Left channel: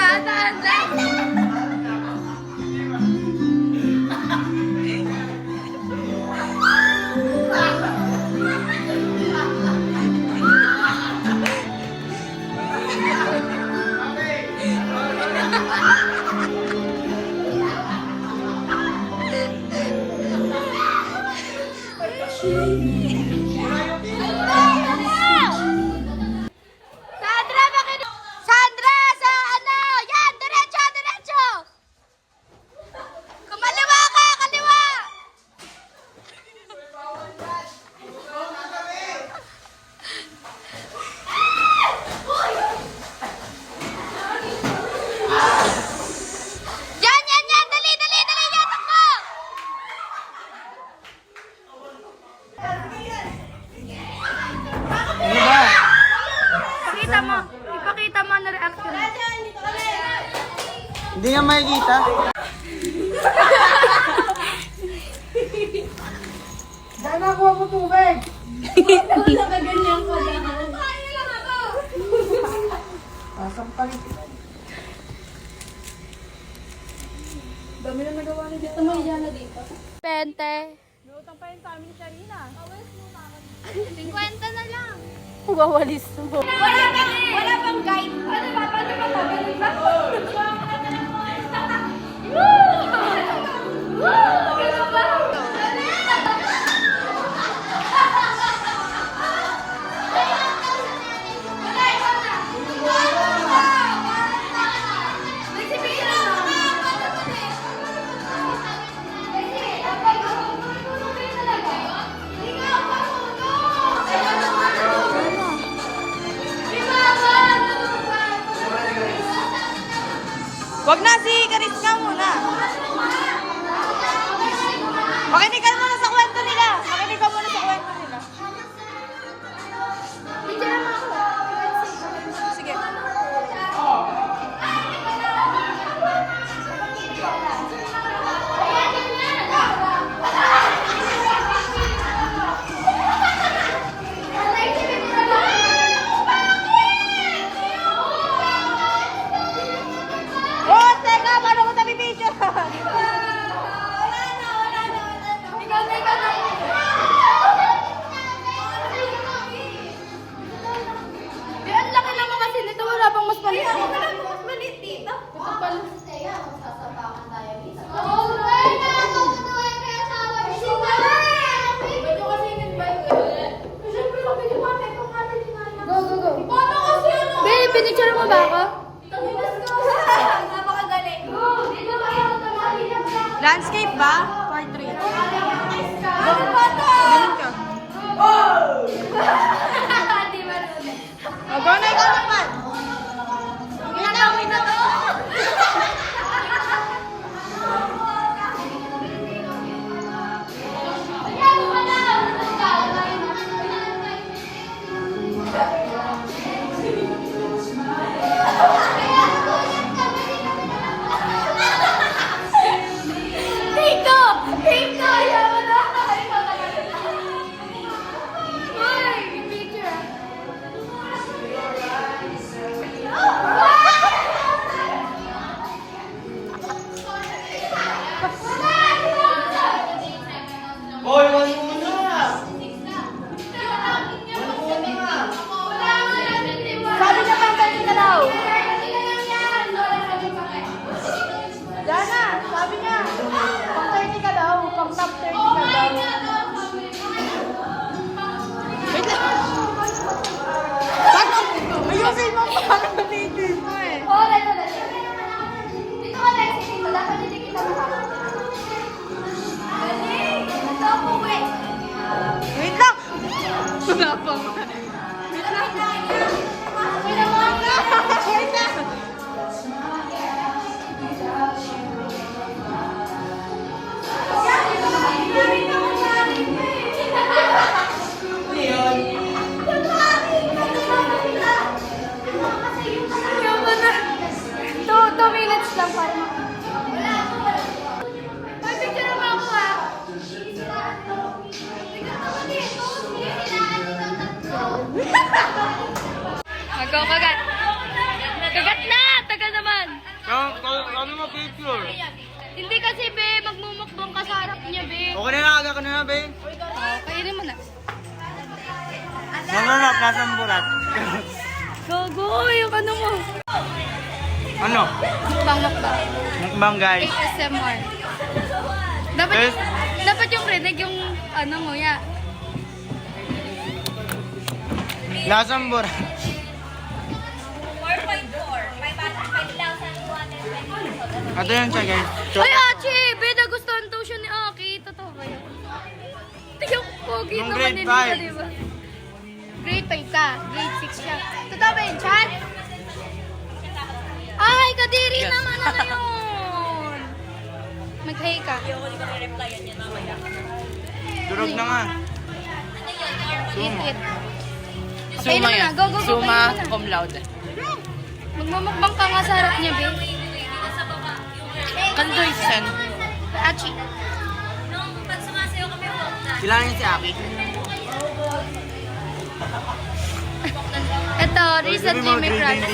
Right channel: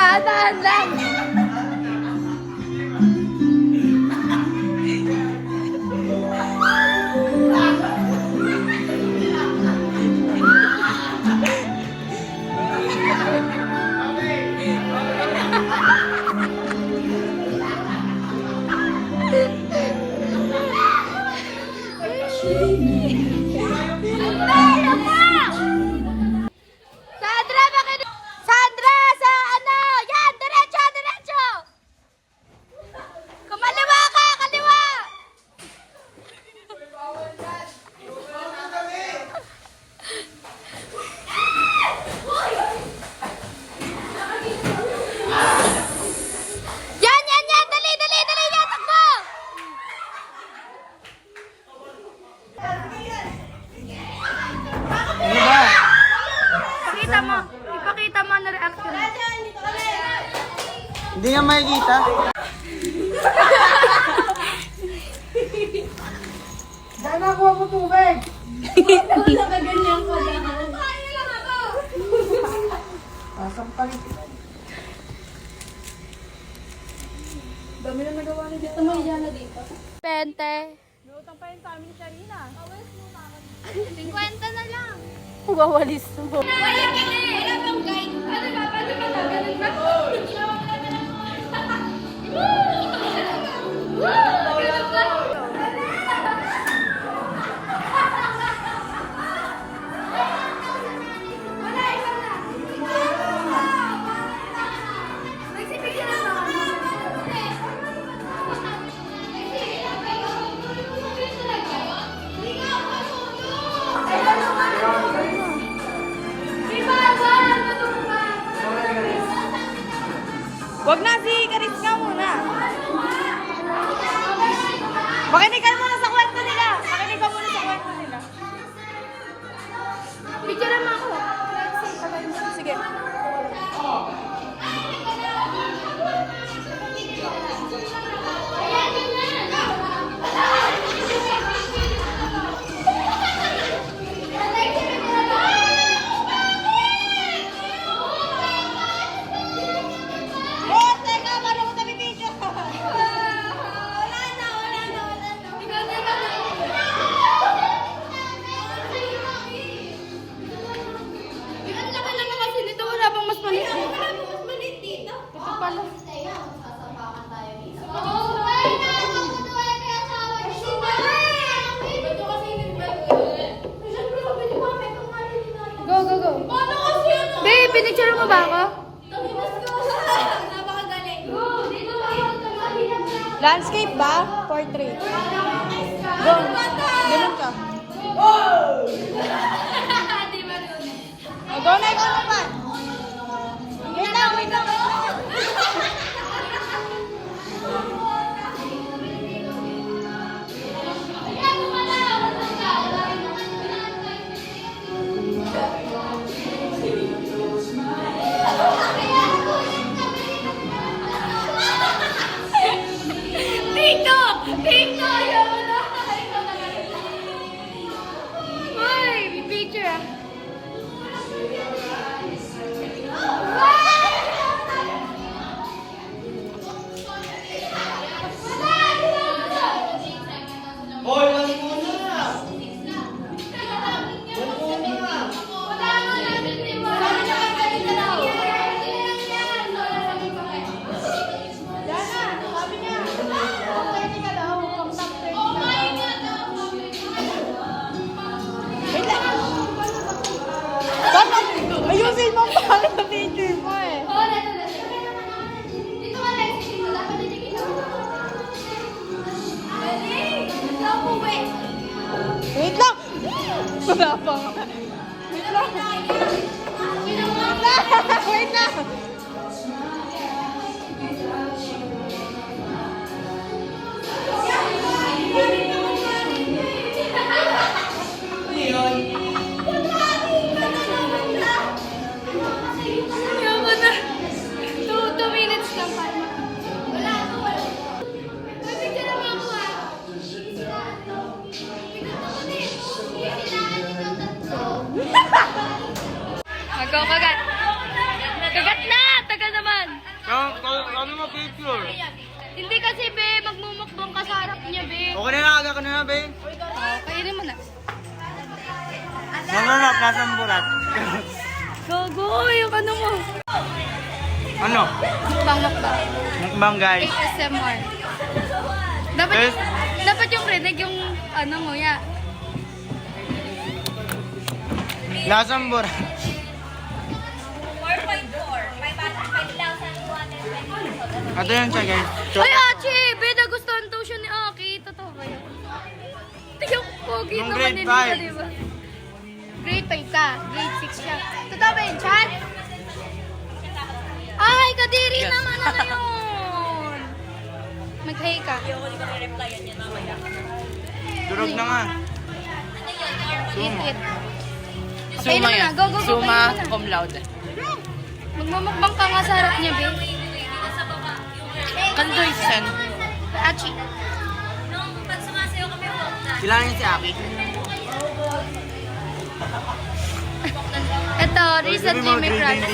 Dahan lang. Sandra, sa ano? Yan, diretso, diretso. Kumaliwa ka, kaliwa. Yan, yan, yan. Dali, dali, dali. Yan, takbo. Ano ba? Ipakita mo. Ipakita mo na reaction. Hindi nga makikita. Dahil nakuha mo tubig. Nakaganyan ko lang. Sampalin kita. Dami na nagawa na dito. Tumahiya na dito. 20. Lutang pa yun sa amin siya rin ah. 50 na lang. Wawalis mo. Wala pang guide. Ano ba? Paano ba ito? Ganun ba? Ganun ba? Wag na, si Karis nga muna. Makinig ka muna sa kwento nila. Makinig ka muna sa kwento nila. Picture naman ako. Sige. Oh, teka, paano ko television? Ikaw na, ikaw na. Eh, ang laki naman kasi nito. Wala pang mas maliit. Wala pang mas maliit dito. Masasabakan tayo dito. Go, go, go. Babe, pinicture mo ba ako? Napakagaling. Landscape ba? Portrait. Ano ba to? Ganun ka. Di ba nun? Oh, go na, ikaw naman. Wait na, wait na. Tito! Tito! Ayaw mo na! Ikaw naman. Hoy! May picture ah. Mag-go, kagat. Kagat na! Tagal naman. Kami mo picture. Hindi kasi, be. Magmumukbang ka sa harap niya, be. Okay na aga ka na, be. Kainin mo na. Nanganap, nasaan bulat? Gago, yung ano mo. Ano? Mukbang. Mukbang, guys. ASMR. Yes. Dapat yung rinig yung ano mo, ya. Nasaan bulat? 5,220. Ito yan siya, guys. Ay, Achi! Be, nagustuhan daw siya ni Aki. Totoo ba yun? Tingnan ko, pogi Nung naman grade din five. siya, diba? Grade 5 ka. Grade 6 siya. Totoo ba yun, Chan? Ay, kadiri naman ano yun. Mag-hay ka. Durog na nga. Eat. Kainin mo na. Go. Suma kainin mo na. cum laude. Magmumukbang ka nga sa harap niya, be. Kandoysen. Achi. Nung pag sumasayaw kami, walk na. Sila na si Aki. Ito, recently may crush.